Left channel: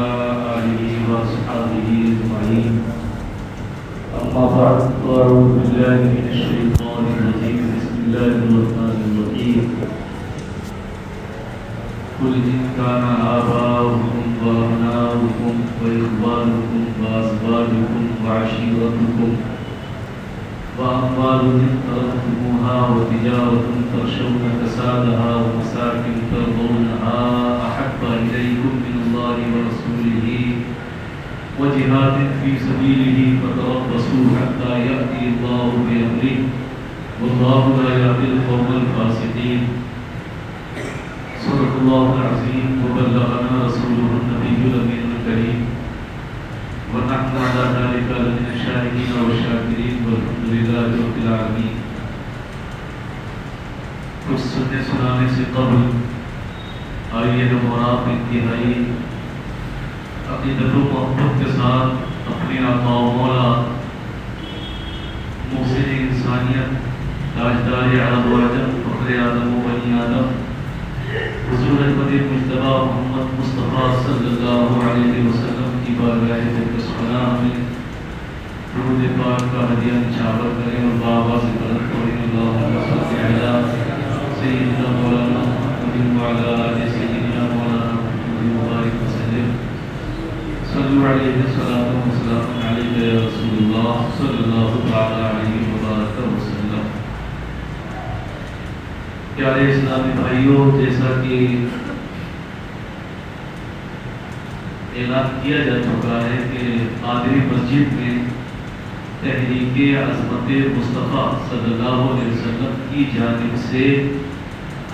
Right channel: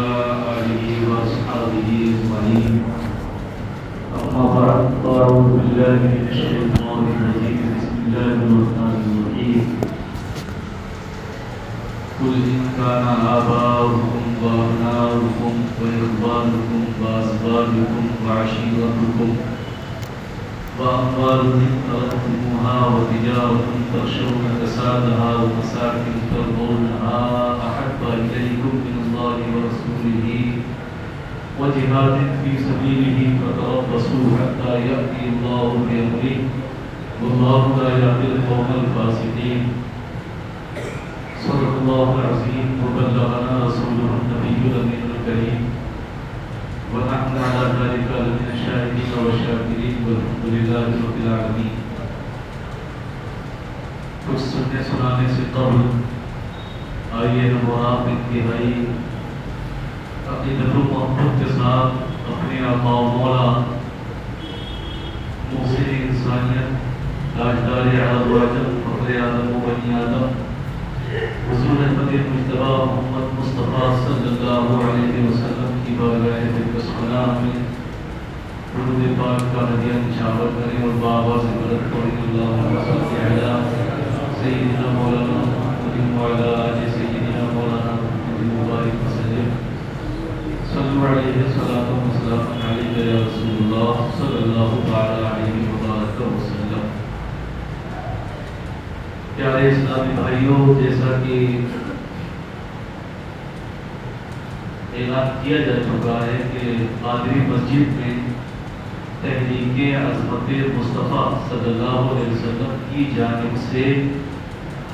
آله وأصحابه أجمعين. أما بعد فأعوذ بالله من الشيطان الرجيم. بسم الله الرحمن الرحيم. قل إن كان آباؤكم وأبناؤكم وإخوانكم وأزواجكم وعشيرتكم وأموال اقترفتموها وتجارة تخشون كسادها ومساكن ترضونها أحب إليكم من الله ورسوله وجهاد في سبيله فتربصوا حتى يأتي الله بأمره والله لا يهدي القوم الفاسقين. صدق الله العظيم وبلغنا رسوله النبي الأمين الكريم ونحن على ذلك من الشاهدين والشاكرين والحمد لله رب العالمين. کچھ سنانے سے قبل آئیے مراد انتہائی اپنی دل و محبت کے ساتھ اپنے آقا و مولا محسن انسانیت تاجدار عرب و عجم فخر آدم و بنی آدم حضور احمد مجتبی محمد مصطفیٰ صلی اللہ علیہ وسلم کی بارگاہ سلام میں درود پاک کا ہدیہ نچھاور کریں اور بآواز بلند کریں اللہم صل علی سیدنا مولانا محمد وعلی آل سیدنا مولانا محمد مبارک وسلم. صلوا علیہ صلاۃ و سلام علیک یا رسول اللہ صلی اللہ تعالی علیہ وبارک وسلم. پیارے اسلامی بھائیوں، جیسا کہ اعلان کیا جا چکا ہے کہ قادری مسجد میں تحریک عظمت مصطفیٰ صلی اللہ علیہ وسلم کی جانب سے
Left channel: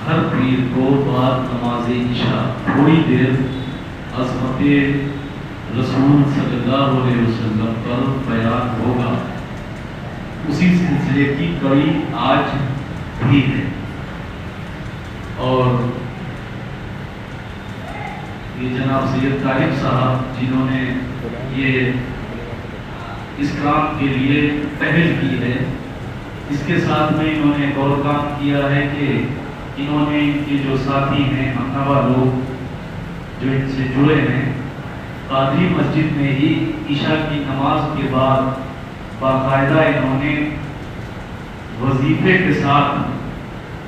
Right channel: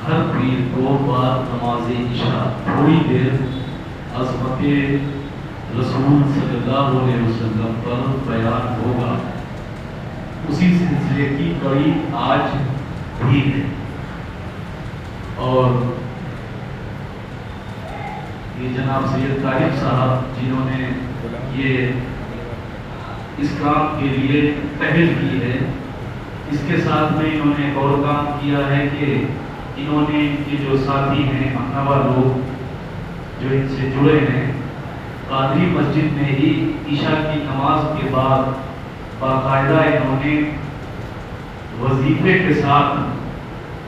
ہر پیر کو بعد نماز عشاء تھوڑی دیر عظمت رسول صلی اللہ علیہ وسلم پر بیان ہوگا. اسی سلسلے کی کڑی آج بھی ہے اور یہ جناب سید طارق صاحب جنہوں نے یہ اس کام کے لیے پہل کی ہے، اس کے ساتھ میں انہوں نے ایک اور کام کیا ہے کہ انہوں نے ان کے جو ساتھی ہیں مکتبہ لوگ جو ان سے جڑے ہیں، قادری مسجد میں ہی عشاء کی نماز کے بعد باقاعدہ انہوں نے وظیفے کے ساتھ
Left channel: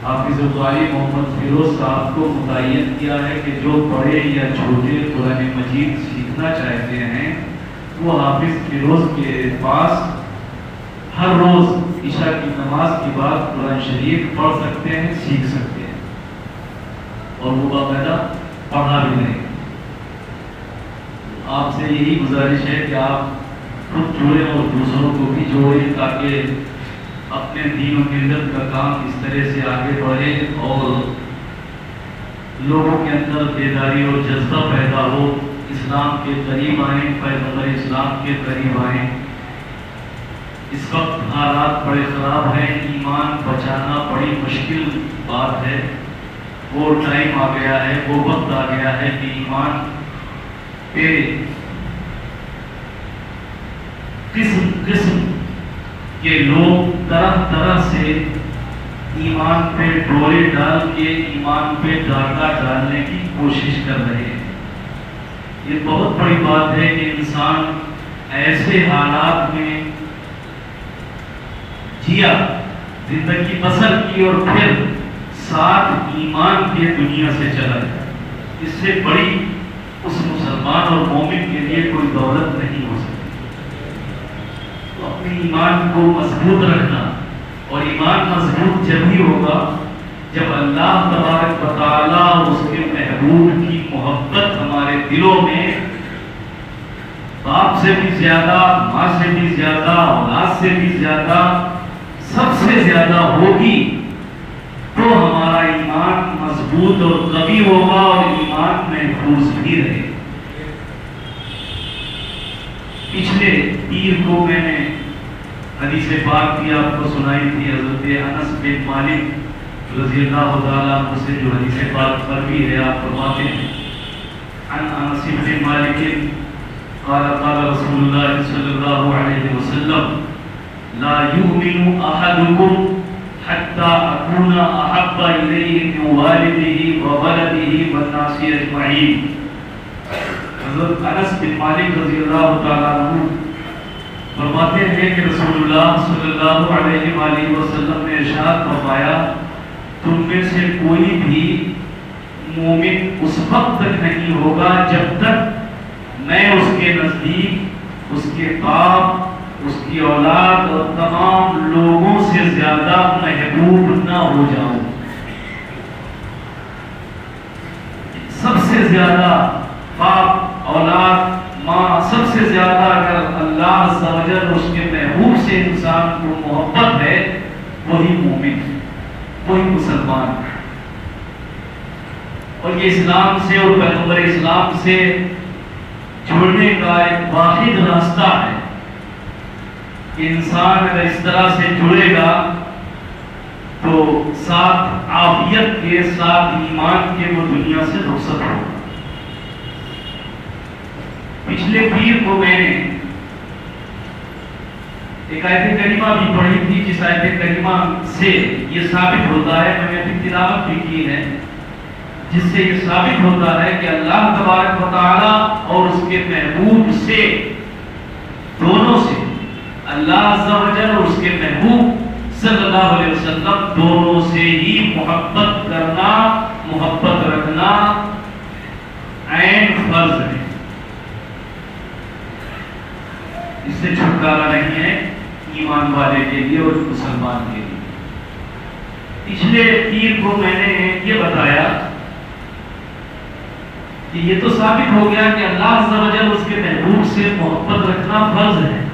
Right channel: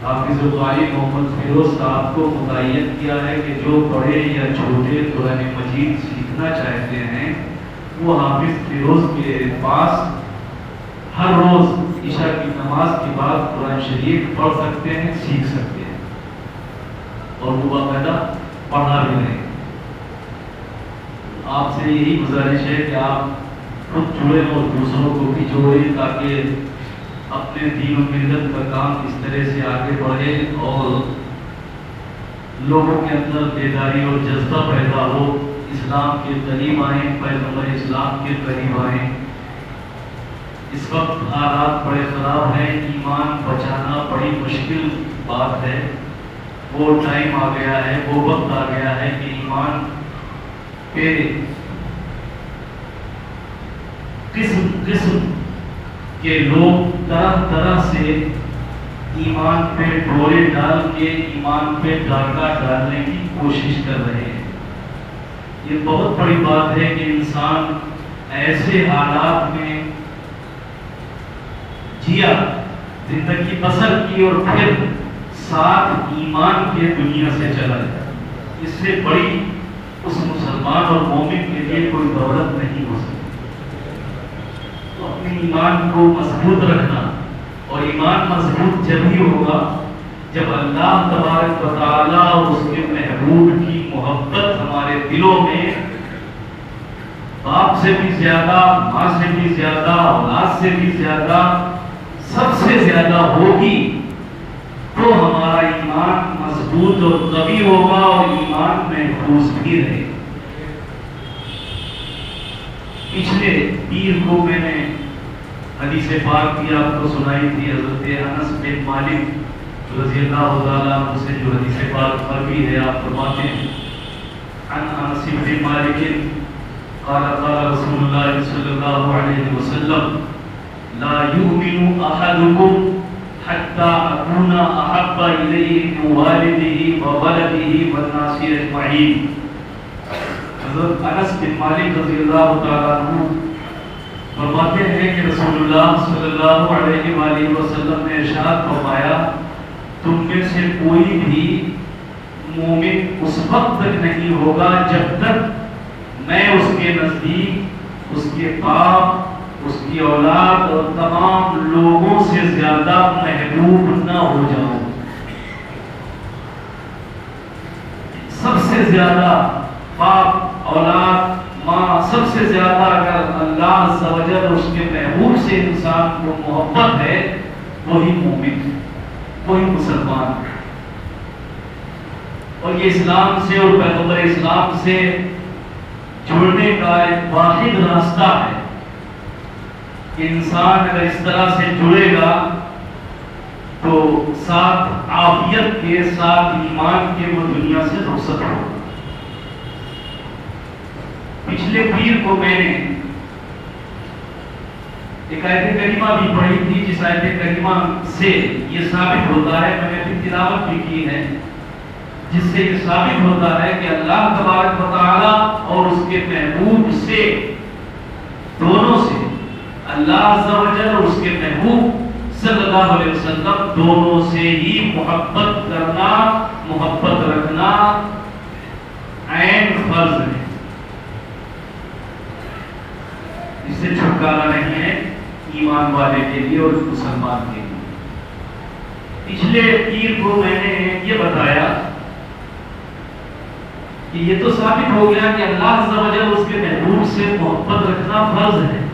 حافظ القاری محمد فیروز صاحب کو متعین کیا ہے کہ جو بڑے یا چھوٹے قرآن مجید سیکھنا چاہتے ہیں وہ حافظ فیروز کے پاس ہر روز عشاء کی نماز کے بعد قرآن شریف پڑھ سکتے ہیں، سیکھ سکتے ہیں اور وہ باقاعدہ پڑھا بھی نہیں. آپ سے یہی گزارش ہے کہ آپ خود جوڑیں اور دوسروں کو بھی جوڑیں تاکہ اپنے دین و ملت کا کام اس طرح سے آگے بڑھے اور لوگوں کے اندر بیداری اور جذبہ پیدا ہو، اسلام کے قریب آئیں، پیغمبر اسلام کے قریب آئیں. اس وقت حالات بڑے خراب ہیں، ایمان بچانا بڑی مشکل بات ہے. وہ ٹائم آ گیا ہے، وہ وقت آ گیا ہے کہ ایمان کے قسم قسم کہ لوگ طرح طرح سے ایمان پہ ڈورے ڈال کے ایمان پہ ڈاکہ ڈالنے کی کوشش کر رہے ہیں. یہ بہت بڑی بات ہے کہ انسان ایسے حالات میں جیا، زندگی بسر کی اور پھر ساتھ ایمان کے دنیا سے چلا جائے. اس سے بڑی اس مسلمان اور مومن کے لیے کوئی دولت نہیں ہو سکتی. اپنے ایمان کو مضبوط رکھنا، اور ایمان مضبوط جب ہی ہوگا جب اللہ تبارک و تعالیٰ اور اس کے محبوب کی محبت ہمارے دلوں میں باپ سے بھی زیادہ، ماں سے بھی زیادہ، اولاد سے بھی زیادہ، سب سے زیادہ ہوگی تو ہمارا ایمان مضبوط اور قوی ہوگا اور ایمان محفوظ بھی رہے. پچھلے پیر کو میں نے حدیث پاک کی آپ کو سنائی تھی، حضرت انس بن مالک رضی اللہ تعالیٰ عنہ سے جو حدیث پاک پر بھی ہے. آپ فرماتے ہیں عن انس بن مالک قال قال رسول اللہ صلی اللہ علیہ وسلم لا يؤمن احدكم حتى اكون احب اليه من والده وولده والناس اجمعين. حضرت انس بن مالک رضی اللہ تعالیٰ عنہ فرماتے ہیں کہ رسول اللہ صلی اللہ علیہ وآلہ وسلم نے ارشاد فرمایا تم میں سے کوئی بھی مومن اس وقت تک نہیں ہوگا جب تک میں اس کے نزدیک اس کے باپ اس کی اولاد اور تمام لوگوں سے زیادہ محبوب نہ ہو جاؤں. سب سے زیادہ باپ اولاد ماں سب سے زیادہ اگر اللہ عز و جل اس کے محبوب سے انسان کو محبت ہے وہی مومن وہی مسلمان. اور یہ اسلام سے اور پیغمبر اسلام سے جڑنے کا ایک واحد راستہ ہے کہ انسان اگر اس طرح سے جڑے گا تو ساتھ عافیت کے ساتھ ایمان کے وہ دنیا سے رخصت ہوگا. پچھلے پیر کو میں نے ایک آیت کریمہ بھی پڑھی تھی جس آیت کریمہ سے یہ ثابت ہوتا ہے, میں نے پھر تلاوت بھی کی ہے, جس سے یہ ثابت ہوتا ہے کہ اللہ تبارک و تعالی اور اس کے محبوب سے دونوں سے اللہ عز و جل اور اس کے محبوب صلی اللہ علیہ وسلم دونوں سے ہی محبت کرنا محبت رکھنا عین فرض ہے. اس سے چھٹکارا نہیں ہے ایمان والے کے لیے اور مسلمان کے لیے. پچھلے پیر کو میں نے یہ بتایا کہ یہ تو ثابت ہو گیا کہ اللہ عز و جل اس کے محبوب سے محبت رکھنا فرض ہے.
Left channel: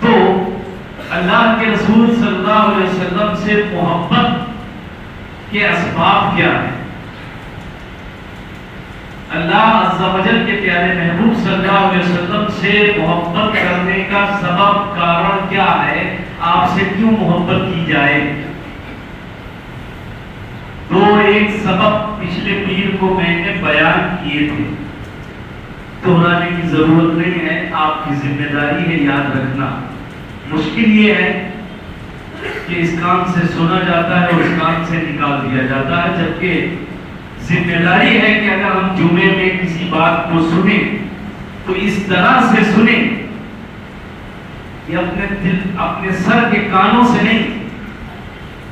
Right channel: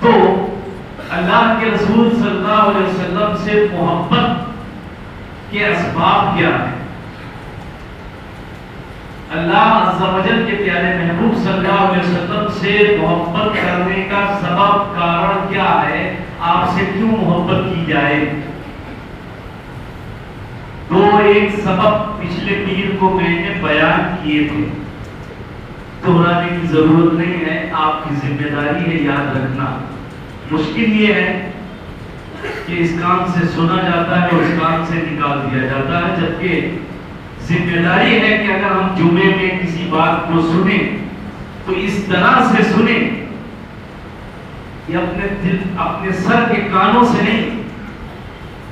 تو اللہ کے رسول صلی اللہ علیہ وسلم سے محبت کے اسباب کیا ہیں؟ اللہ عز و جل کے پیارے محبوب صلی اللہ علیہ وسلم سے محبت کرنے کا سبب کارن کیا ہے؟ آپ سے کیوں محبت کی جائے؟ دو ایک سبب پچھلے پیر کو میں نے بیان کیے تھے, دہرانے کی ضرورت نہیں ہے, آپ کی ذمہ داری ہے یاد رکھنا. مشکل یہ ہے کہ اس کام سے سنا جاتا ہے اور اس کام سے نکال دیا جاتا ہے, جبکہ ذمہ داری ہے کہ اگر ہم جمعے میں کسی بات کو سنیں تو اس طرح سے سنیں کہ اپنے سر کے کانوں سے نہیں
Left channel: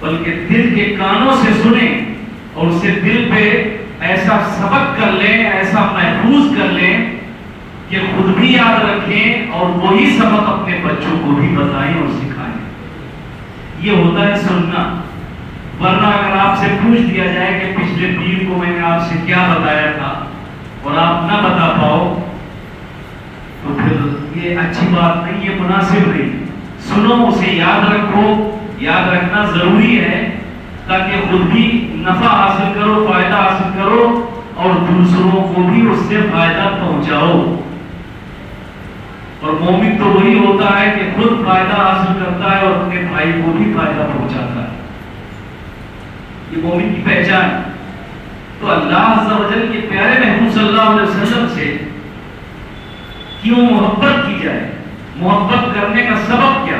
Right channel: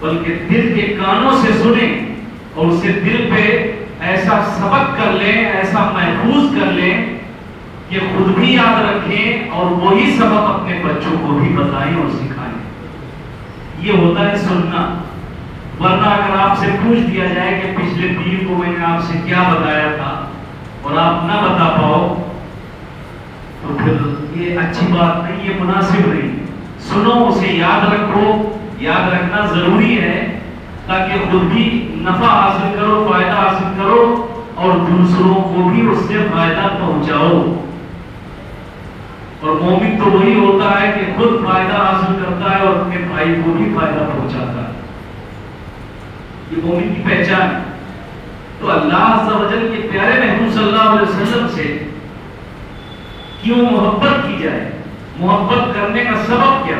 بلکہ دل کے کانوں سے سنیں اور اسے دل پہ ایسا سبق کر لیں, ایسا محفوظ کر لیں کہ خود بھی یاد رکھیں اور وہی سبق اپنے بچوں کو بھی بتائیں اور سکھائیں. یہ ہوتا ہے سننا. ورنہ اگر آپ سے پوچھ دیا جائے کہ پچھلے پیر کو میں نے آپ سے کیا بتایا تھا اور آپ نہ بتا پاؤ تو پھر یہ اچھی بات نہیں, یہ مناسب نہیں. سنو, اسے یاد رکھو, یاد رکھنا ضروری ہے تاکہ خود بھی نفع حاصل کرو, فائدہ حاصل کرو اور دوسروں کو بھی اس سے فائدہ پہنچاؤ. اور مومن تو وہی ہوتا ہے کہ خود فائدہ حاصل کرتا ہے اور اپنے بھائی کو بھی فائدہ پہنچاتا ہے. یہ مومن کی پہچان. تو اللہ عز و جل کے پیارے محبوب صلی اللہ علیہ وسلم سے کیوں محبت کی جائے؟ محبت کرنے کا سبب کیا؟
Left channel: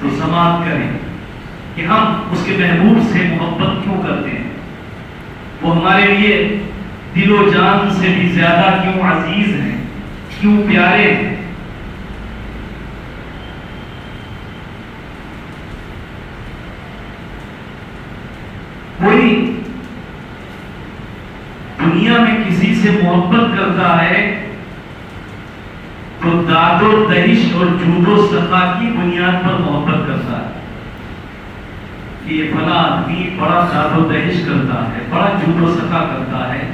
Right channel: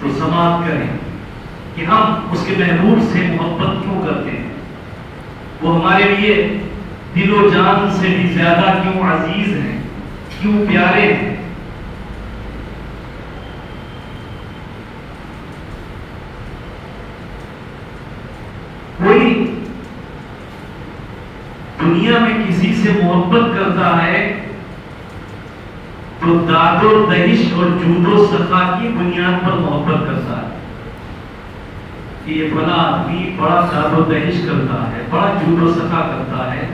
تو سماعت کریں کہ ہم اس کے محبوب سے محبت کیوں کرتے ہیں. وہ ہمارے لیے دل و جان سے بھی زیادہ کیوں عزیز ہیں, کیوں پیارے ہیں. کوئی دنیا میں کسی سے محبت کرتا ہے تو داد و دہش اور جود و سخا کی بنیاد پر محبت کرتا ہے. یہ فلاں آدمی بڑا داد و دہش کرتا ہے, بڑا جود و سخا کرتا ہے,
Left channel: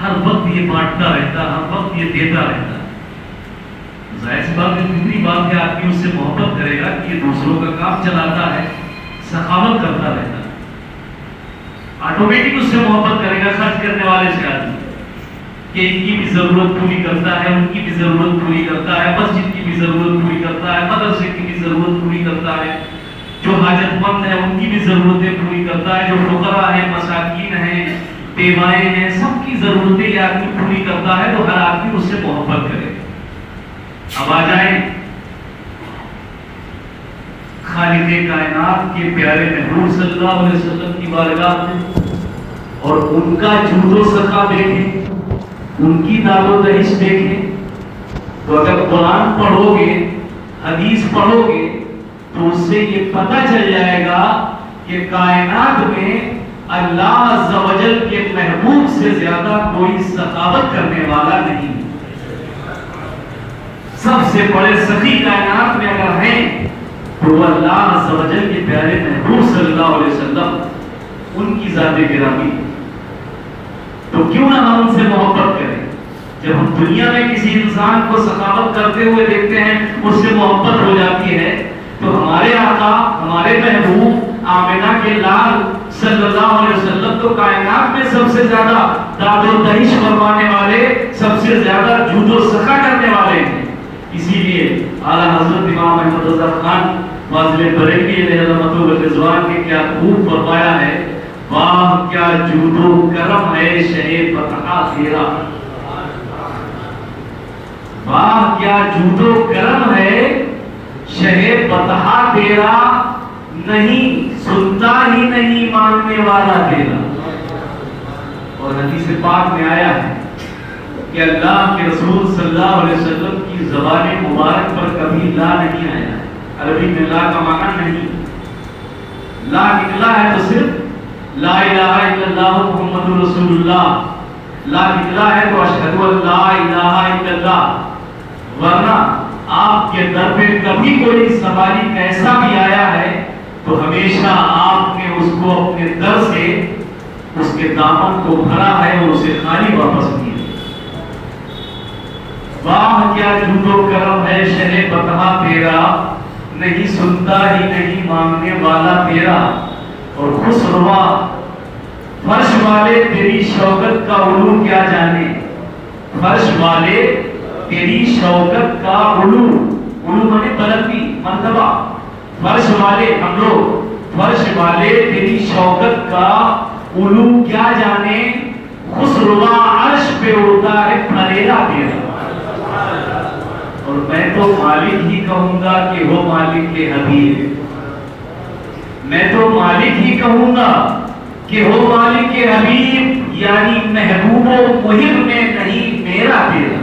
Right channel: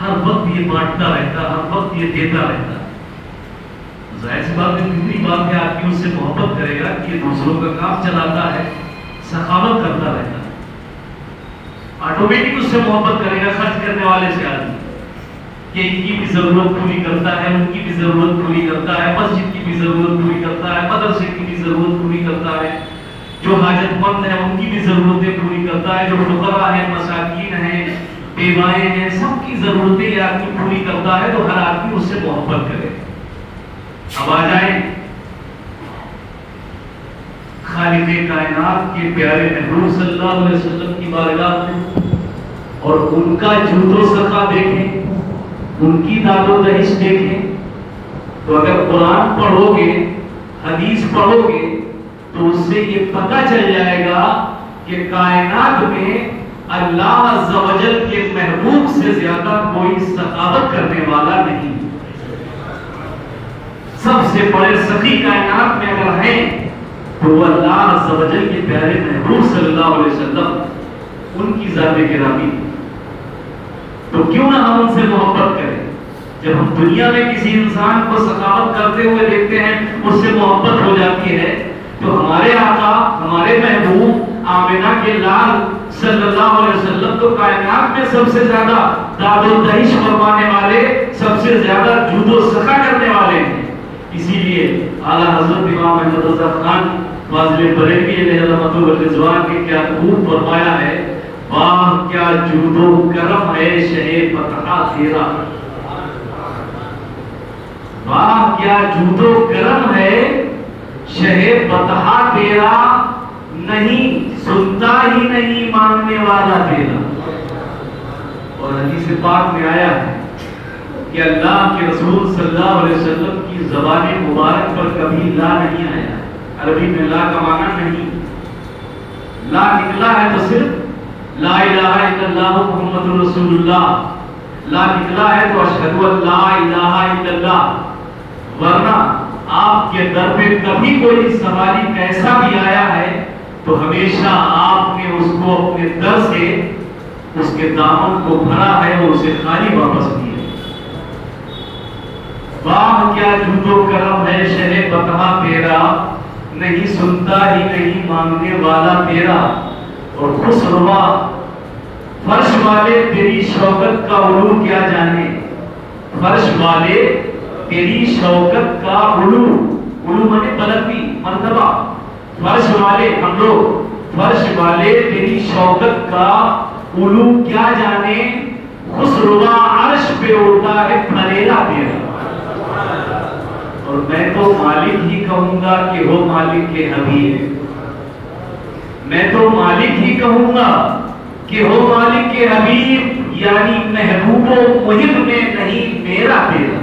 ہر وقت یہ بانٹتا رہتا ہے, ہر وقت یہ دیتا رہتا ہے. ظاہر سی بات ہے, دوسری بات ہے آدمی اس سے محبت کرے گا کہ دوسروں کا کام چلاتا ہے, سخاوت کرتا رہتا ہے, آٹومیٹک اس سے محبت کرے گا. خرچ کرنے والے سے آدمی کہ ان کی بھی ضرورت پوری کرتا ہے, ان کی بھی ضرورت پوری کرتا ہے, مسجد کی بھی ضرورت پوری کرتا ہے, مدرسے کی بھی ضرورت پوری کرتا ہے, جو حاجت مند ہے ان کی بھی ضرورتیں پوری کرتا ہے, جو فقراء ہیں, مساکین ہیں, بیوائیں ہیں, سب کی ضرورتیں یہ آدمی پوری کرتا ہے. تو ہر آدمی اس سے محبت کرے. اب آ جائیں خالق کائنات کے پیارے محبوب صلی اللہ علیہ وسلم کی بارگاہ میں اور ان کا جود و سخا دیکھیں، ان کی داد و دہش دیکھیں، تو اگر قرآن پڑھو گے، حدیث پڑھو گے، تو اس سے یہ پتہ چل جائے گا کہ کائنات میں اللہ عز و جل کے محبوب سے زیادہ کوئی سخاوت کرنے والا نہیں۔ سب سے بڑے سخی کائنات میں اگر ہیں تو وہ اللہ عز و جل کے پیارے محبوب صلی اللہ علیہ وسلم، ان کی ذات گرامی۔ تو کیوں نہ ہم ان سے محبت کریں؟ جب ہم دنیا میں کسی انسان کو سخاوت کرتے ہوئے دیکھتے ہیں، اس سے محبت ہو جاتی ہے، تو ہمارے آقا، ہمارے محبوب آمنہ کے لال صلی اللہ علیہ وسلم تو کائنات میں سب سے زیادہ داد و دہش فرمانے والے، سب سے زیادہ جود و سخا کرنے والے ہیں۔ اسی لیے اعلیٰ حضرت امام احمد رضا خان فاضل بریلوی علیہ رحمۃ الرضوان نے کیا خوب فرمایا ہے، واہ کیا جود و کرم ہے شہ فتح تیرا، واہ کیا جود و کرم ہے شہ فتح تیرا، نہیں سنتا ہی نہیں ماننے والا تیرا۔ اور حدیث پاک میں آیا ہے کہ اللہ کے رسول صلی اللہ علیہ وسلم کی زبان مبارک پر کبھی لا نہیں آیا۔ عربی میں لا کا معنی نہیں، لا نکلا ہے تو صرف لا الہ الا اللہ محمد رسول اللہ، لا نکلا ہے تو اشہد ان لا الہ الا اللہ، ورنہ آپ کے در پہ کبھی کوئی سواری کیسا بھی آیا ہے تو ہمیشہ آپ نے اس کو اپنے در سے اس کے دامن کو بھرا ہے اور اسے خالی واپس کیا۔ واہ کیا جود و کرم ہے شہ فتح تیرا، نہیں سنتا ہی نہیں ماننے والا تیرا۔ اور خسروا فرش والے تیری شوکت کا علو کیا جانے، فرش والے تیری شوکت کا علو، علو مانے بلندی، مرتبہ، فرش والے ہم لوگ، فرش والے تیری شوکت کا علو کیا جانے، خسروا عرش پہ اڑتا ہے پھریرا تیرا۔ اور میں تو مالک ہی کہوں گا کہ ہو مالک کے حبیب، میں تو مالک ہی کہوں گا کہ ہو مالک کے حبیب، یعنی محبوب و محب میں نہیں میرا تیرا۔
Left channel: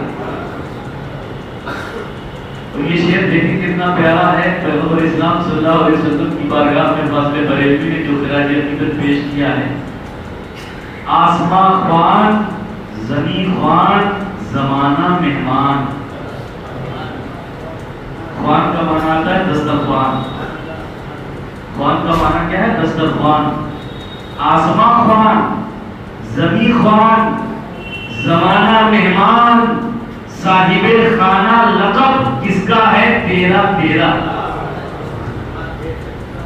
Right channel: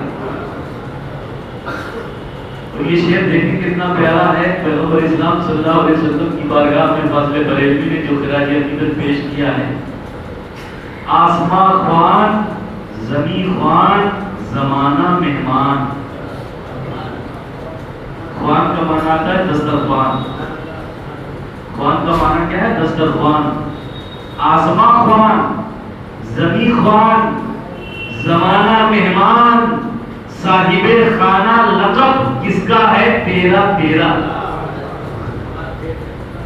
اور یہ شعر دیکھیں کتنا پیارا ہے، پیغمبر اسلام صلی اللہ علیہ وسلم کی بارگاہ میں فاضل بریلوی نے جو خراج عقیدت پیش کیا ہے، آسماں خوان زمین خوان زمانہ مہمان۔ خوان کا معنی آتا ہے دسترخوان، خوان کا معنی کیا ہے؟ دسترخوان۔ آسماں خوان زمین خوان زمانہ مہمان، صاحب خانہ لقب کس کا ہے؟ تیرا تیرا۔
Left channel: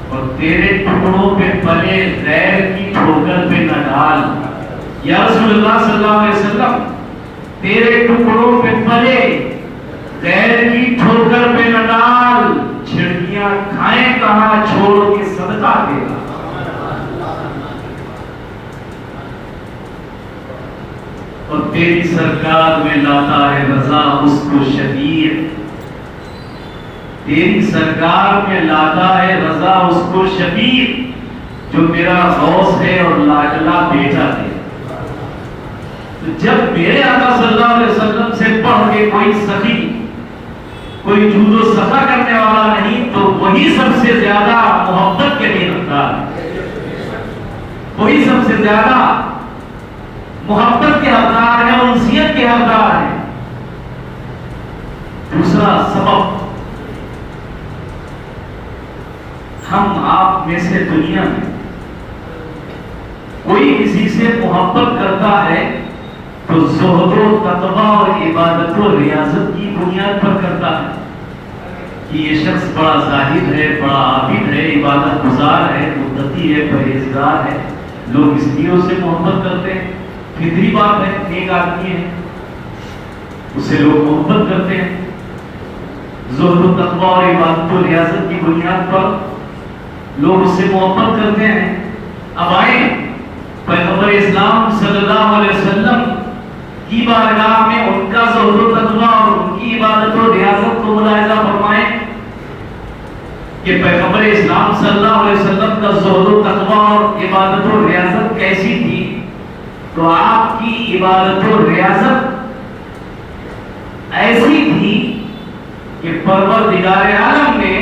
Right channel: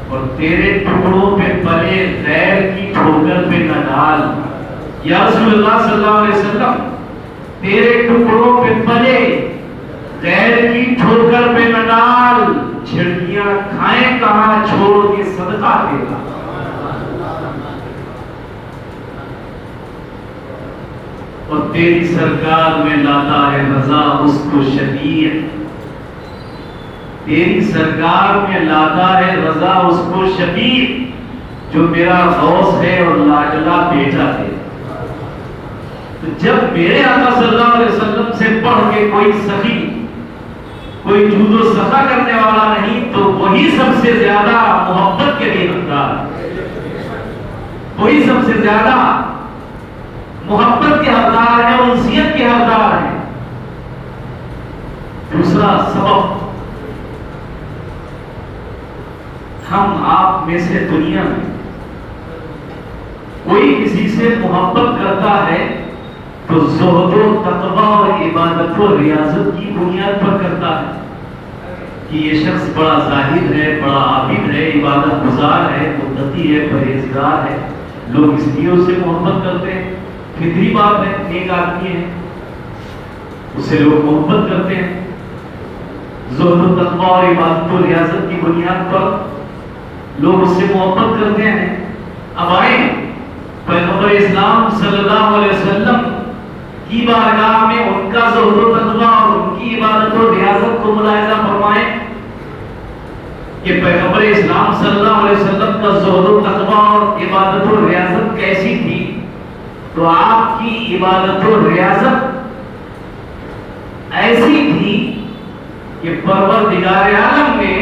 اور تیرے ٹکڑوں پہ پلے غیر کی ٹھوکر پہ نہ ڈال، یا رسول اللہ صلی اللہ علیہ وسلم تیرے ٹکڑوں پہ پلے غیر کی ٹھوکر پہ نہ ڈال، چھڑکیاں کھائیں کہاں چھوڑ کے صدقہ تیرا۔ اور تیری سرکار میں لاتا ہے رضا اس کو شبیر، تیری سرکار میں لاتا ہے رضا اس کو شبیر، جو میرا غوث ہے اور لاڈلا بیٹا ہے۔ تو جب میرے آقا صلی اللہ علیہ وسلم سے پڑھ کے کوئی سخی، کوئی جود و سخا کرنے والا نہیں، تو وہی سب سے زیادہ محبت کے لیے حقدار ہے، وہی سب سے زیادہ محبت کے حقدار ہے، انسیت کے حقدار ہے۔ دوسرا سبب، ہم آپ میں سے دنیا میں کوئی کسی سے محبت کرتا ہے تو زہد و تقوی اور عبادت و ریاضت کی بنیاد پر کرتا ہے کہ یہ شخص بڑا زاہد ہے، بڑا عابد ہے، عبادت گزار ہے، متقی ہے، پرہیزگار ہے، لوگ اس لیے اسے محبت کرتے ہیں، فطری بات ہے، نیک آدمی ہے، اسے لوگ محبت کرتے ہیں۔ زہد و تقوی اور عبادت و ریاضت کی بنیاد پر لوگ اس سے محبت کرتے ہیں۔ اب آئیں پیغمبر اسلام صلی اللہ علیہ وسلم کی بارگاہ میں ان کا زہد و تقوی اور ان کی عبادت و ریاضت کو ملاحظہ فرمائیں کہ پیغمبر اسلام وسلم کا زہد و تقویٰ اور عبادت و ریاضت کیسی تھی، تو آپ کی عبادت و ریاضت ایسی تھی کہ پروردگار عالم نے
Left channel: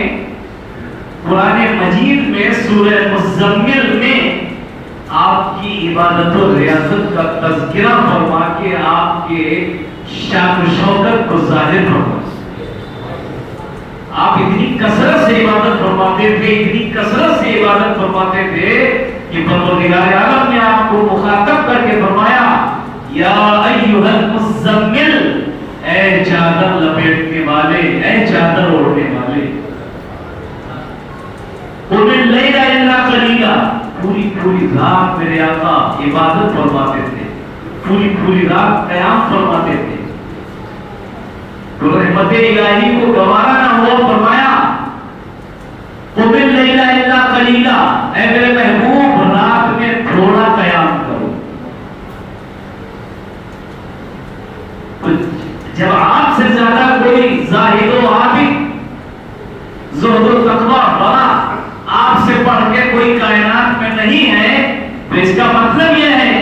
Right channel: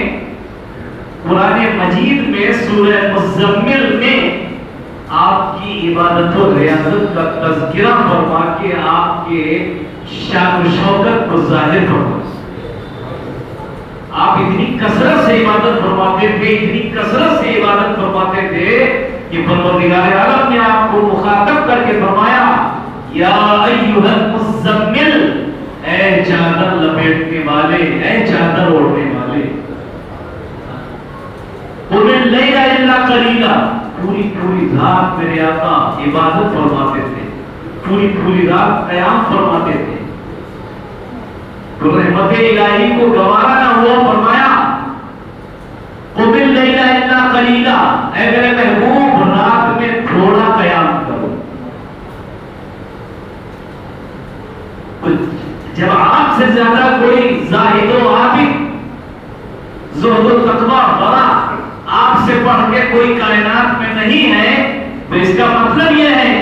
قرآن مجید میں سورہ مزمل میں آپ کی عبادت و ریاضت کا تذکرہ فرما کے آپ کے شان و شوکت کو ظاہر فرما. آپ اتنی کثرت سے عبادت فرماتے تھے، اتنی کثرت سے عبادت فرماتے تھے کہ پروردگار عالم نے آپ کو مخاطب کر کے فرمایا یا ایھا المزمل، اے چادر لپیٹنے والے، اے چادر اوڑھنے والے، قم اللیل الا قلیلا، پوری رات میرے آقا عبادت فرماتے تھے، پوری رات قیام فرماتے تھے. تو رحمت الہی کو گوارا نہ ہوا، فرمایا قم اللیل الا قلیلا، اے میرے محبوب رات میں تھوڑا قیام کرو. جب آپ سے زیادہ کوئی زاہد و عابد زہد و تقویٰ بڑا آپ سے پڑھ کے کوئی کائنات میں نہیں ہے، تو اس کا مطلب یہ ہے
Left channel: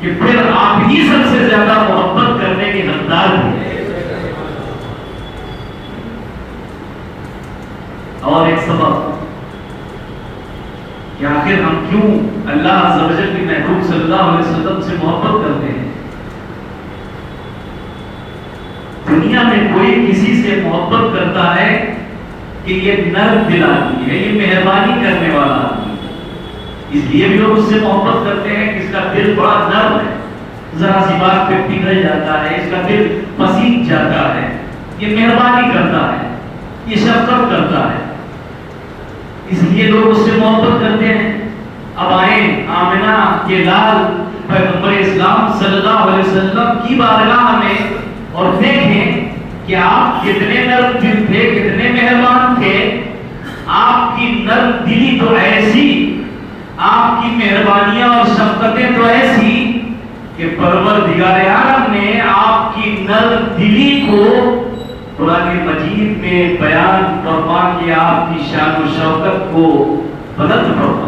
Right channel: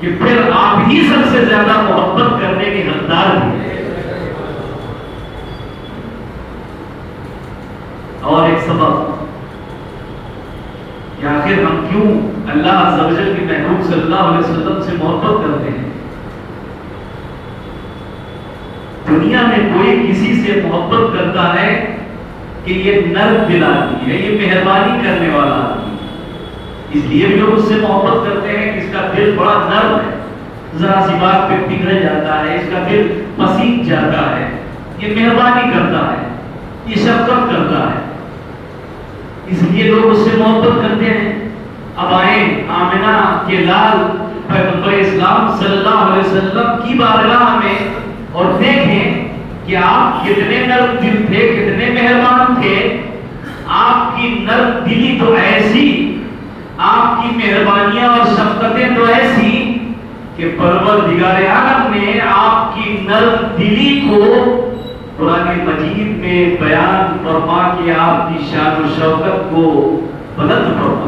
کہ پھر آپ ہی سب سے زیادہ محبت کرنے کے حقدار ہیں. اور ایک سبب کہ آخر ہم کیوں اللہ عز و جل کے محبوب صلی اللہ علیہ وسلم سے محبت کرتے ہیں. دنیا میں کوئی کسی سے محبت کرتا ہے کہ یہ نرم دل آدمی ہے، یہ مہربانی کرنے والا آدمی ہے، اس لیے بھی لوگ اس سے محبت کرتے ہیں کہ اس کا دل بڑا نرم ہے، ذرا سی بات پہ پگھل جاتا ہے، اس کا دل پسیج جاتا ہے، یہ مہربانی کرتا ہے، یہ شفقت کرتا ہے، اس لیے لوگ اس سے محبت کرتے ہیں. اب آئیں آمنہ کے لال پیغمبر اسلام صلی اللہ علیہ وسلم کی بارگاہ میں اور دیکھیں کہ آپ کتنے نرم دل تھے، کتنے مہربان تھے. آپ کی نرم دلی تو ایسی، آپ کی مہربانیاں اور شفقتیں تو ایسی کہ پروردگار عالم نے آپ کی نرم دلی کو قرآن مجید میں بیان فرما کے آپ کی شان و شوکت کو بلند فرما.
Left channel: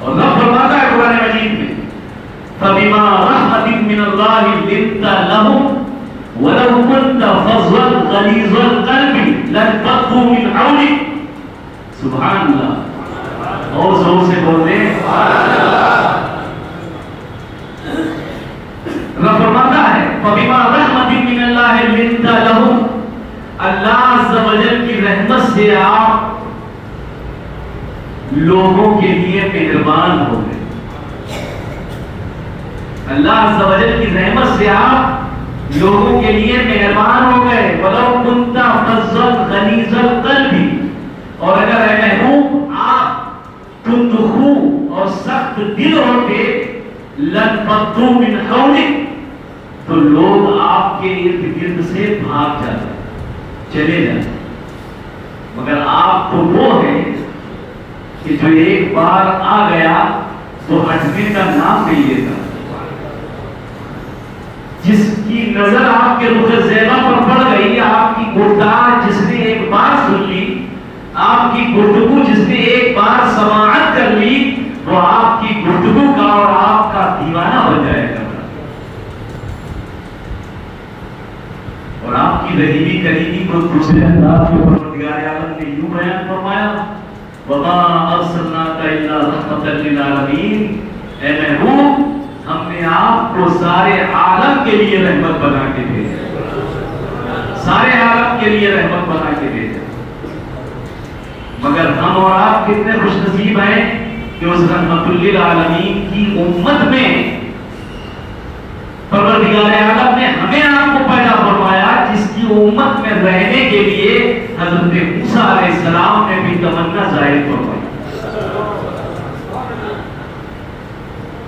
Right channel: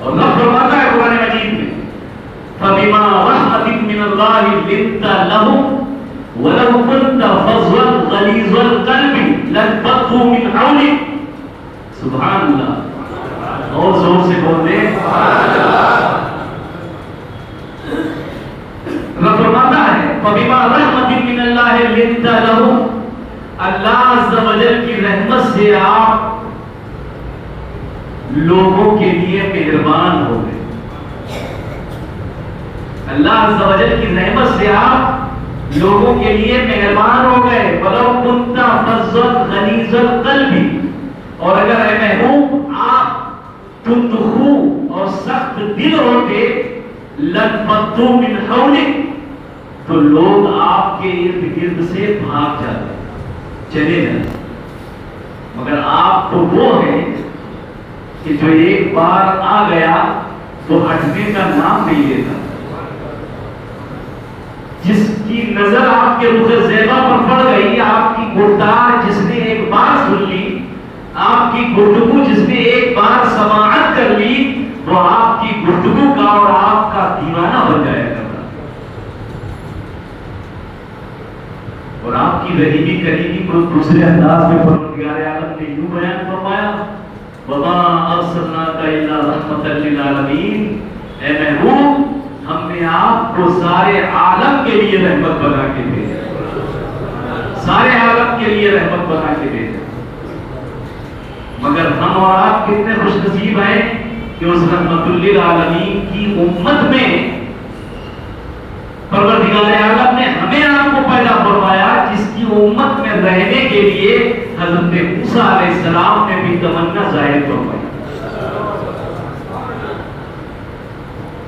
اور اللہ فرماتا ہے قرآن مجید میں فَبِمَا رَحْمَةٍ مِّنَ اللَّهِ لِنتَ لَهُمْ وَلَوْ كُنْتَ فَظًّا غَلِيظَ الْقَلْبِ لَانفَضُّوا مِنْ حَوْلِكَ. سبحان اللہ، اور زور سے بولے اللہ فرماتا ہے فَبِمَا رَحْمَةٍ مِّنَ اللَّهِ لِنتَ لَهُمْ، اللہ عز و جل کی رحمت سے آپ لوگوں کے لیے مہربان ہو گئے. اللہ عز و جل کی رحمت سے آپ لوگوں کے لیے مہربان ہو گئے. وَلَوْ كُنْتَ فَظًّا غَلِيظَ الْقَلْبِ، اور اگر اے محبوب آپ تندخو اور سخت دل ہوتے لَانفَضُّوا مِنْ حَوْلِكَ، تو لوگ آپ کے ارد گرد سے بھاگ جاتے، چلے جاتے. مگر آپ تو وہ ہیں کہ جو ایک بار آ گیا تو ہٹنے کا نام نہیں لیتا. جس کی نظر آپ کے رخ زیبا پر پڑ گئی، آپ کی گفتگو جس نے ایک بار سن لی، آپ کی گفتگو جس نے ایک بار سماعت کر لی، وہ آپ کی گفتگو کا اور آپ کا دیوانہ بن جائے گا. اور آپ کی رحیمی کریمی کو دوسرے انداز میں پروردگار عالم نے یوں بیان فرمایا وَمَا أَرْسَلْنَاكَ إِلَّا رَحْمَةً لِّلْعَالَمِينَ، اے محبوب ہم نے آپ کو سارے عالم کے لیے رحمت بنا کے دے، سارے عالم کے لیے رحمت بنا کے دے. مگر ہم اور آپ کتنے خوش نصیب ہیں کہ اس رحمت للعالمین کی امت میں پروردگار عالم نے ہمیں آپ کو پیدا فرمایا، جس کی امت میں رہنے کے لیے حضرت موسیٰ علیہ السلام نے بھی تمنا ظاہر فرمائی.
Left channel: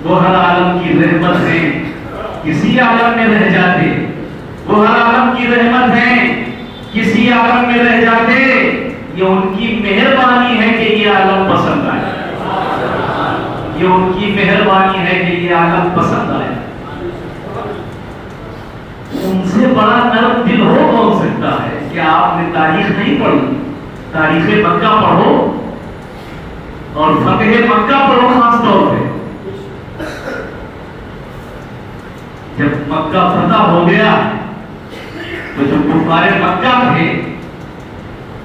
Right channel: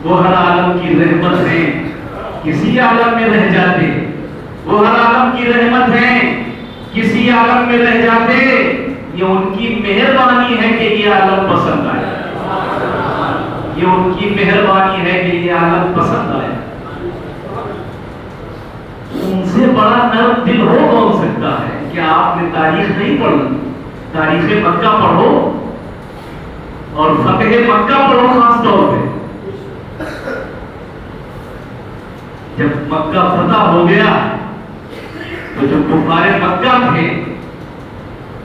وہ ہر عالم کی رحمت ہے، کسی عالم میں رہ جاتے، وہ ہر عالم کی رحمت ہے، کسی عالم میں رہ جاتے. یہ ان کی مہربانی ہے کہ یہ عالم پسند آئے، یہ ان کی مہربانی ہے کہ یہ عالم پسند آئے. ان سے بڑا نرم دل ہو کون سکتا ہے؟ کہ آپ نے تاریخ نہیں پڑھی، تاریخ مکہ پڑھو، اور فتح مکہ پر خاص طور پہ جب مکہ فتح ہو گیا تو جو کفار مکہ تھے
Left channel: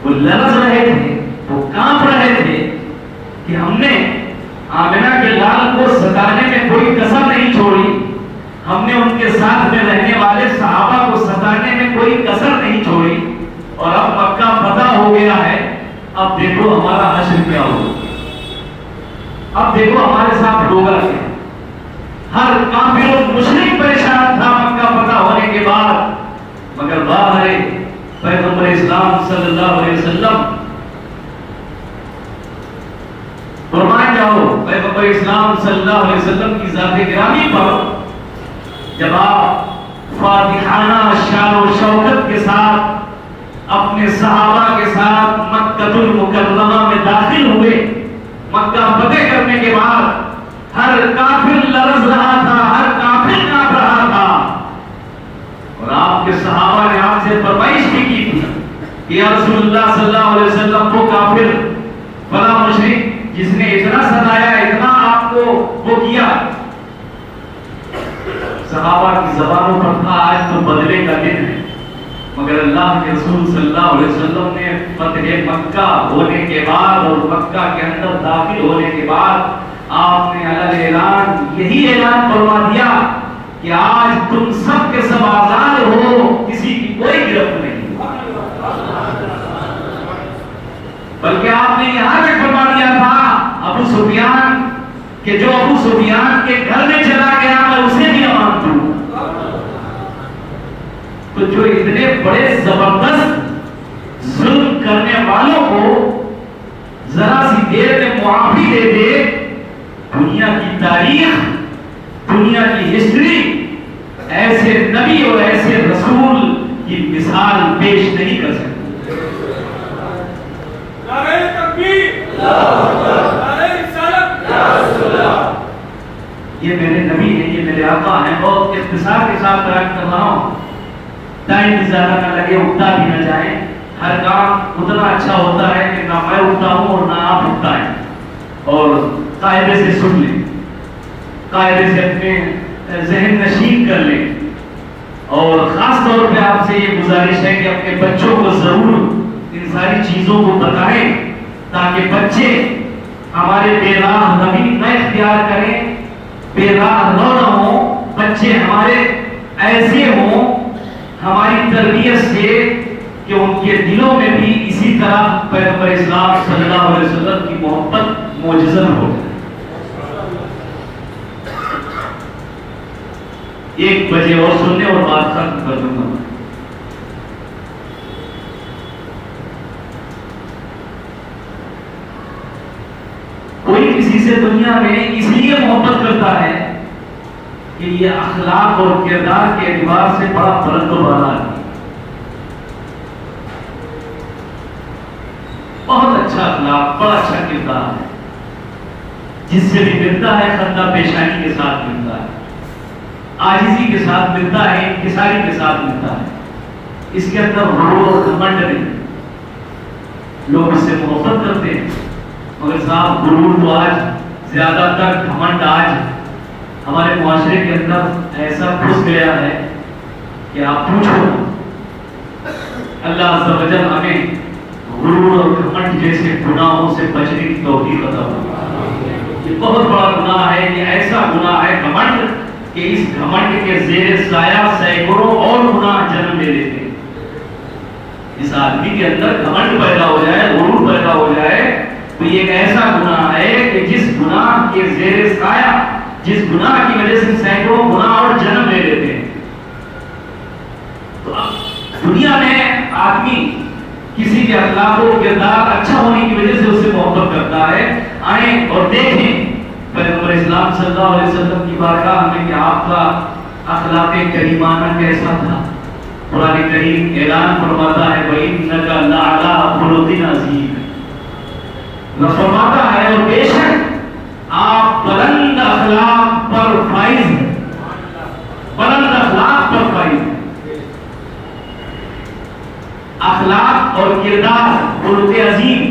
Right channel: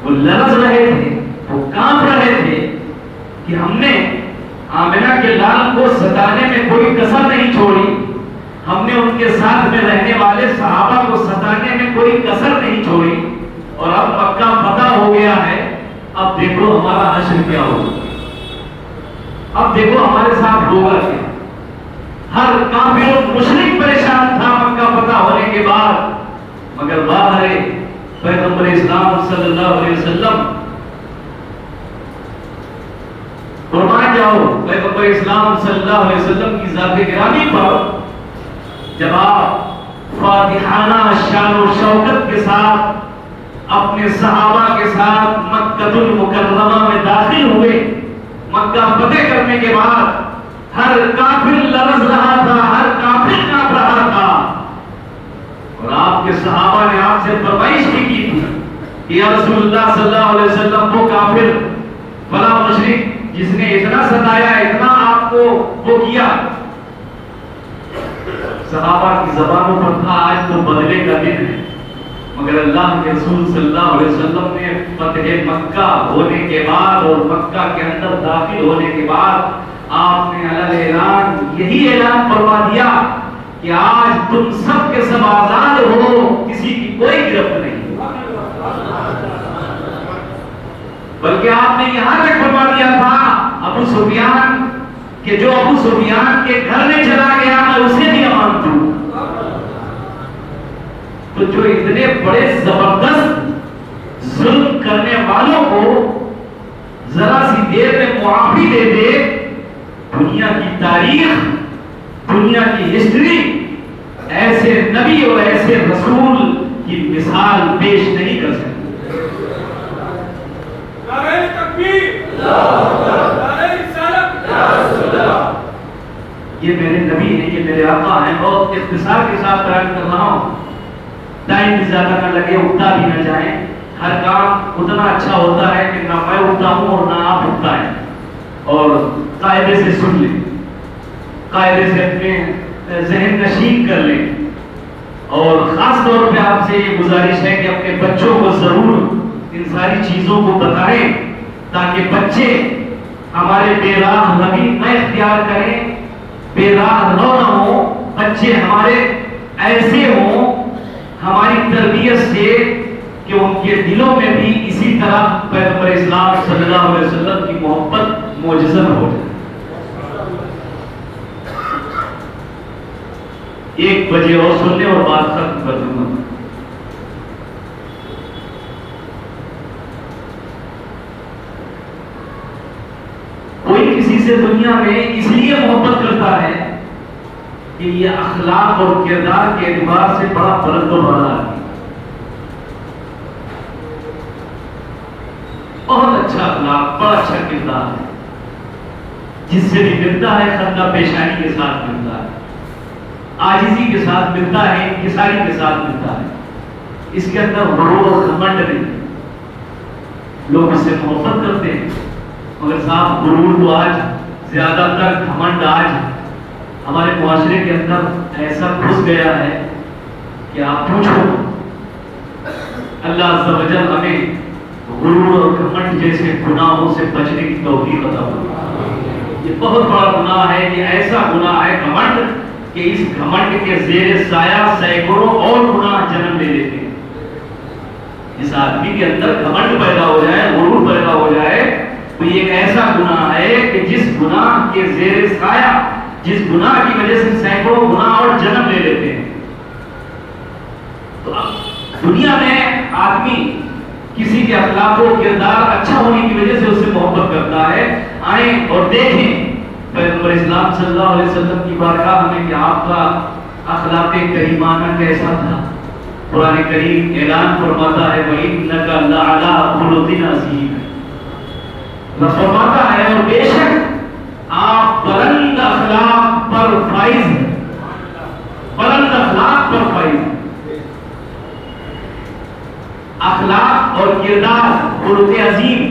وہ لرز رہے تھے، وہ کانپ رہے تھے کہ ہم نے آمنہ کے لال کو ستانے میں کوئی کسر نہیں چھوڑی، ہم نے ان کے ساتھ میں رہنے والے صحابہ کو ستانے میں کوئی کسر نہیں چھوڑی، اور اب مکہ فتح ہو گیا ہے، اب دیکھو ہمارا حشر کیا ہوگا، اب دیکھو ہمارے ساتھ ہوگا کیا۔ ہر کافر و مشرک پریشان تھا مکہ فتح ہونے کے بعد، مگر باہر پیغمبر اسلام صلی اللہ علیہ وسلم فرمائے جاؤ پیغمبر اسلام صلی اللہ علیہ وسلم کی ذات گرامی پر جب آپ فاتحانہ شان و شوکت کے ساتھ اپنے صحابہ کے ساتھ مکہ المکرمہ میں داخل ہوئے، مکہ فتح کرنے کے بعد ہر کافر لرز رہا تھا، ہر کافر کانپ رہا تھا، اور آپ کے صحابہ نے آپ سے فرمائش بھی کی تھی کہ یا رسول اللہ صلی اللہ علیہ وسلم وہ کافر فلاں مشرک جس نے اتنا ستایا، اتنا آپ کو وہ کیا، صحابہ کی زبانوں پر تھا آج تو بدلے کا دن ہے، مگر اللہ کے رسول صلی اللہ علیہ وسلم نے فتح مکہ ہونے کے بعد اور مکہ کے اندر داخل ہونے کے بعد آپ نے اعلان یہی اعلان فرما دیا کہ آج تم سب کے سب آزاد ہو، کسی کی کوئی گرفت نہیں، بلکہ آپ نے یہاں تک فرما دیا تھا ابو سفیان کہ جو ابو سفیان کے گھر میں چلا گیا میں اسے بھی امان دوں۔ تو جو اتنے بڑے زبردست ظلم کرنے والوں کو ذرا سی دیر میں معافی دے دے، دنیا کی تاریخ، دنیا کی ہسٹری ایسے نبی اور ایسے رسول کی مثال پیش نہیں کر سکتی۔ یہ میرے نبی ہیں، یہ میرے آقا ہیں، اور اختصار کے ساتھ بیان کر رہا ہوں، ٹائم زیادہ نہ لگے، اٹھتا بھی نہ جائے، ہر کام اتنا اچھا ہوتا ہے کہ نہ میں اٹھتا ہوں اور نہ آپ اٹھتا ہے، اور قاعدے سے سن لیں، قاعدے سے اپنے ذہن نشین کر لیں، اور خاص طور پہ آپ سے یہ گزارش ہے کہ اپنے بچوں کو ضرور ان ساری چیزوں کو بتائیں تاکہ بچے ہمارے بے راہ روی نہ اختیار کریں، بے راہ نہ ہوں، بچے ہمارے ایسے ہوں ہماری تربیت سے کہ ان کے دلوں میں بھی اسی طرح پیغمبر اسلام صلی اللہ علیہ وسلم کی محبت معجزہ ہو جائے۔ 1 بجے اور سننے اور بات ختم کر دوں گا۔ کوئی کسی سے دنیا میں اس لیے محبت کرتا ہے کہ یہ اخلاق اور کردار کے اعتبار سے بڑا بلند و بالا ہے، بہت اچھا اخلاق، بڑا اچھا کردار ہے، جس سے بھی ملتا ہے خندہ پیشانی کے ساتھ ملتا ہے، عاجزی کے ساتھ ملتا ہے، انکساری کے ساتھ ملتا ہے، اس کے اندر غرور اور گھمنڈ نہیں، لوگ اس سے محبت کرتے ہیں، مگر صاحب غرور تو آج زیادہ تر گھمنڈ آج ہمارے معاشرے کے اندر ایسا گھس گیا ہے کہ آپ پوچھو۔ اللہ عز و جل ہمیں غرور اور گھمنڈ جیسے گناہوں سے بچنے کی توفیق عطا فرمائے۔ یہ بہت بڑا گناہ ہے، یہ ایسا گناہ ہے گھمنڈ کہ اس گھمنڈ کے زیر سایہ سینکڑوں اور گناہ جنم لے لیتے ہیں۔ جس آدمی کے اندر گھمنڈ پیدا ہو جائے، غرور پیدا ہو جائے، تو یہ ایک ایسا گناہ ہے کہ جس گناہ کے زیر سایہ، جس گناہ کی وجہ سے سینکڑوں گناہ اور جنم لے لیتے ہیں۔ تو دنیا میں آدمی کسی کے اخلاق و کردار اچھا ہونے کی وجہ سے اس سے محبت کرتا ہے۔ آئیں اور دیکھیں پیغمبر اسلام صلی اللہ علیہ وسلم کی بارگاہ میں کہ آپ کا اخلاق کریمانہ کیسا تھا۔ قرآن کریم اعلان فرماتا ہے وَإِنَّكَ لَعَلَىٰ خُلُقٍ عَظِيمٍ، وہ فرماتا ہے اور بے شک آپ بلند اخلاق پر فائز ہیں، بلند اخلاق پر فائز ہیں۔ اخلاق اور کردار خلق عظیم،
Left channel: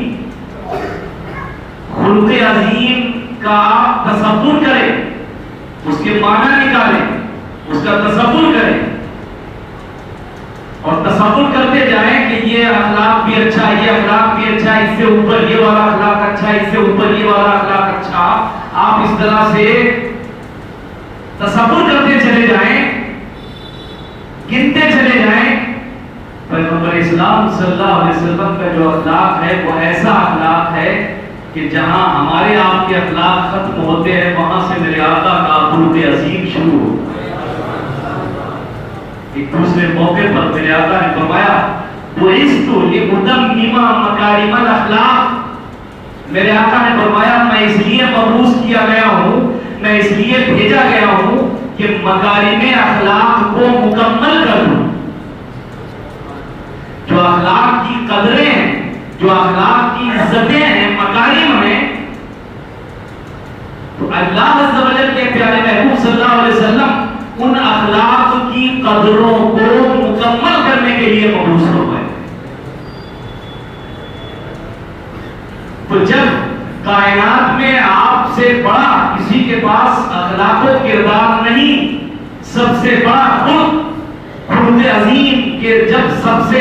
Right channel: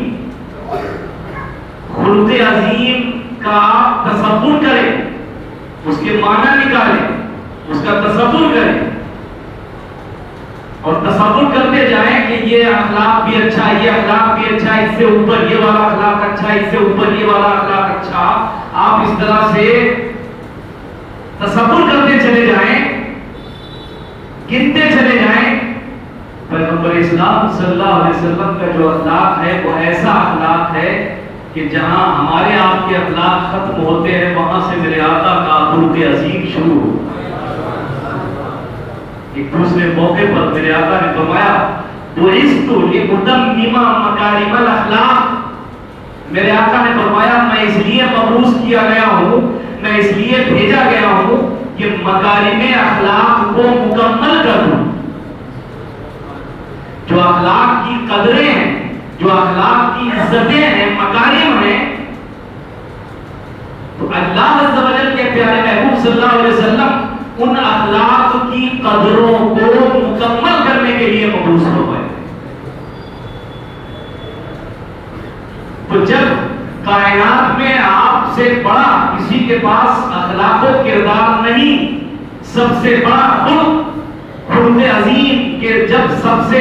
خلق عظیم کا آپ تصور کریں، اس کے معنی نکالیں، اس کا تصور کریں اور تصور کرتے جائیں کہ یہ اخلاق بھی اچھا، یہ اخلاق بھی اچھا، اس سے اوپر یہ والا اخلاق اچھا، اس سے اوپر یہ والا اخلاق اچھا. آپ اس طرح سے تصور کرتے چلے جائیں، گنتے چلے جائیں. پیغمبر اسلام صلی اللہ علیہ وسلم کا جو اخلاق ہے وہ ایسا اخلاق ہے کہ جہاں ہمارے آپ کے اخلاق ختم ہوتے ہیں وہاں سے میرے آقا کا خلق عظیم شروع ہو. ایک دوسرے موقع پر میرے آقا نے فرمایا بُعِثْتُ لِأُتَمِّمَ مَكَارِمَ الْأَخْلَاقِ. میرے آقا نے فرمایا میں اس لیے مبعوث کیا گیا ہوں، میں اس لیے بھیجا گیا ہوں کہ مکارم اخلاق کو مکمل کر دوں. جو اخلاق کی قدریں ہیں، جو اخلاق کی عزتیں ہیں، مکارم ہیں، تو اللہ عز و جل کے پیارے محبوب صلی اللہ علیہ وسلم ان اخلاق کی قدروں کو مکمل کرنے کے لیے مبعوث ہو گئے. تو جب کائنات میں آپ سے بڑا کسی کے پاس اخلاق و کردار نہیں، سب سے بڑا خلق عظیم کے جب سب سے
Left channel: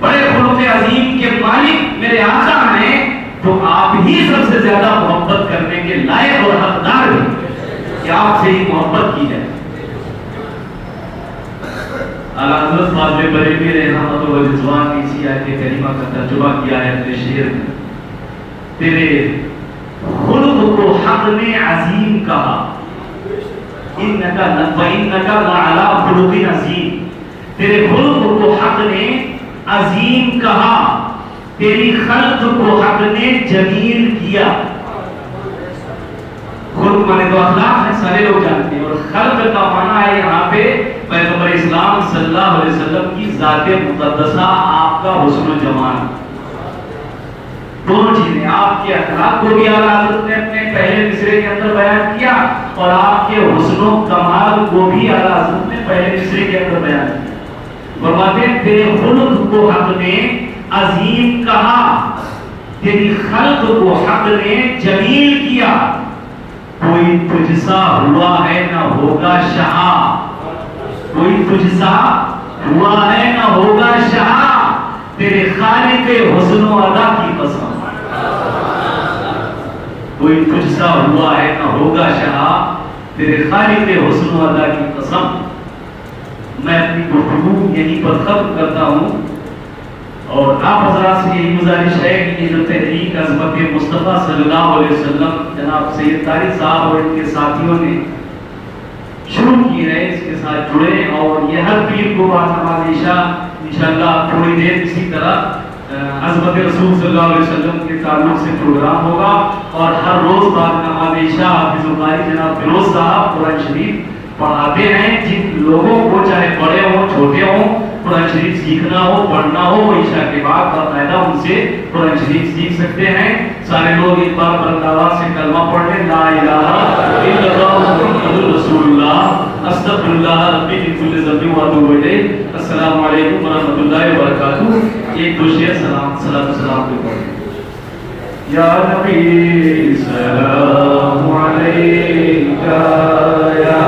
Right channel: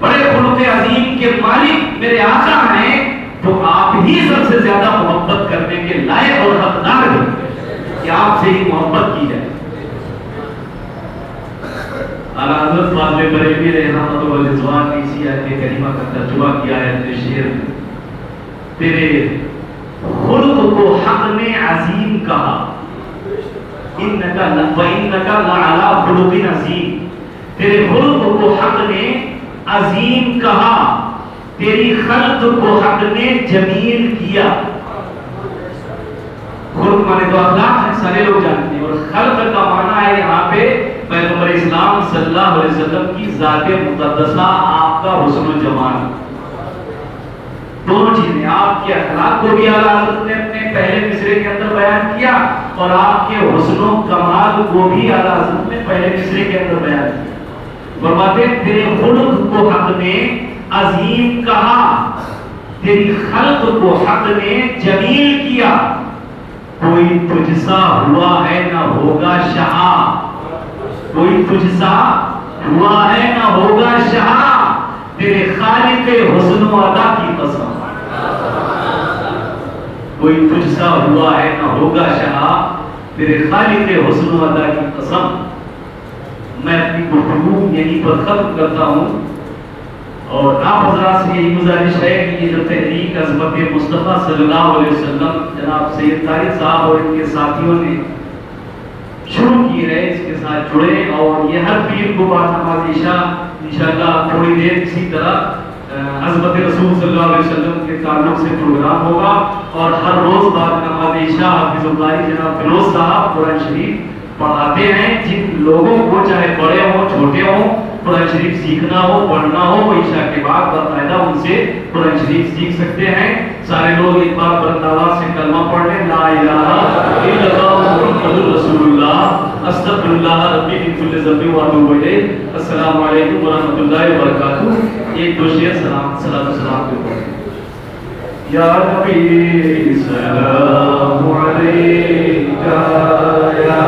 بڑے خلق عظیم کے مالک میرے آقا ہیں تو آپ ہی سب سے زیادہ محبت کرنے کے لائق اور حقدار ہیں کہ آپ سے ہی محبت کی جائے. اعلیٰ حضرت خواجہ بریلوی رحمۃ اللہ علیہ رضوان نے اسی آیت کریمہ کا ترجمہ کیا ہے اپنے شعر میں. تیرے خلق کو حق نے عظیم کہا، انکا لعلی خلق عظیم. تیرے خلق کو حق نے عظیم کہا، تیری خلق کو حق نے جمیل کیا. خلق مانے تو اخلاق ہے، سارے لوگ جانتے ہیں، اور خلق کا معنی ہے یہاں پہ پیغمبر اسلام صلی اللہ علیہ وسلم کی ذات مقدسہ، آپ کا حسن و جمال. دونوں چیزیں، آپ کے اخلاق کو بھی اعلیٰ حضرت نے اپنے پہلے مصرے کے اندر بیان کیا اور آپ کے حسن و کمال کو بھی اعلیٰ حضرت نے پہلے مصرے کے اندر بیان کیا. فرماتے ہیں تیرے خلق کو حق نے عظیم کہا، تیری خلق کو حق نے جمیل کیا. کوئی تجھ سا ہوا ہے نہ ہوگا شہا، کوئی تجھ سا ہوا ہے نہ ہوگا شہا، تیرے خالق حسن و ادا کی قسم. کوئی تجھ سا ہوا ہے نہ ہوگا شہا، تیرے خالق حسن و ادا کی قسم. میں اپنی گفتگو یہیں پر ختم کرتا ہوں اور آپ حضرات سے یہی گزارش ہے کہ یہ جو تحریک عظمت مصطفیٰ صلی اللہ علیہ وسلم جناب سید طارق صاحب اور ان کے ساتھیوں نے شروع کی ہے، اس کے ساتھ جڑے. اور یہ ہر پیر کو بعد نماز عشاء انشاءاللہ تھوڑی دیر اسی طرح عظمت رسول صلی اللہ علیہ وسلم کے تعلق سے پروگرام ہوگا. اور ہر روز بعد نماز عشاء حافظ اللہ جناب فیروز صاحب قرآن شریف پڑھاتے ہیں. جن لوگوں کو چاہے بڑے ہوں چھوٹے ہوں قرآن شریف سیکھنا ہو پڑھنا ہو وہ عشاء کے بعد باقاعدہ ان سے قرآن شریف سیکھ سکتے ہیں. سارے لوگ ایک بار بلند آواز سے کلمہ پڑھ لیں، لا الہ الا اللہ محمد رسول اللہ استغفر اللہ ربی من کل ذنب واتوب الیہ. السلام علیکم ورحمۃ اللہ وبرکاتہ. ایک دو شعر سلام کو پڑھیں. یا نبی سلام علیکہ یا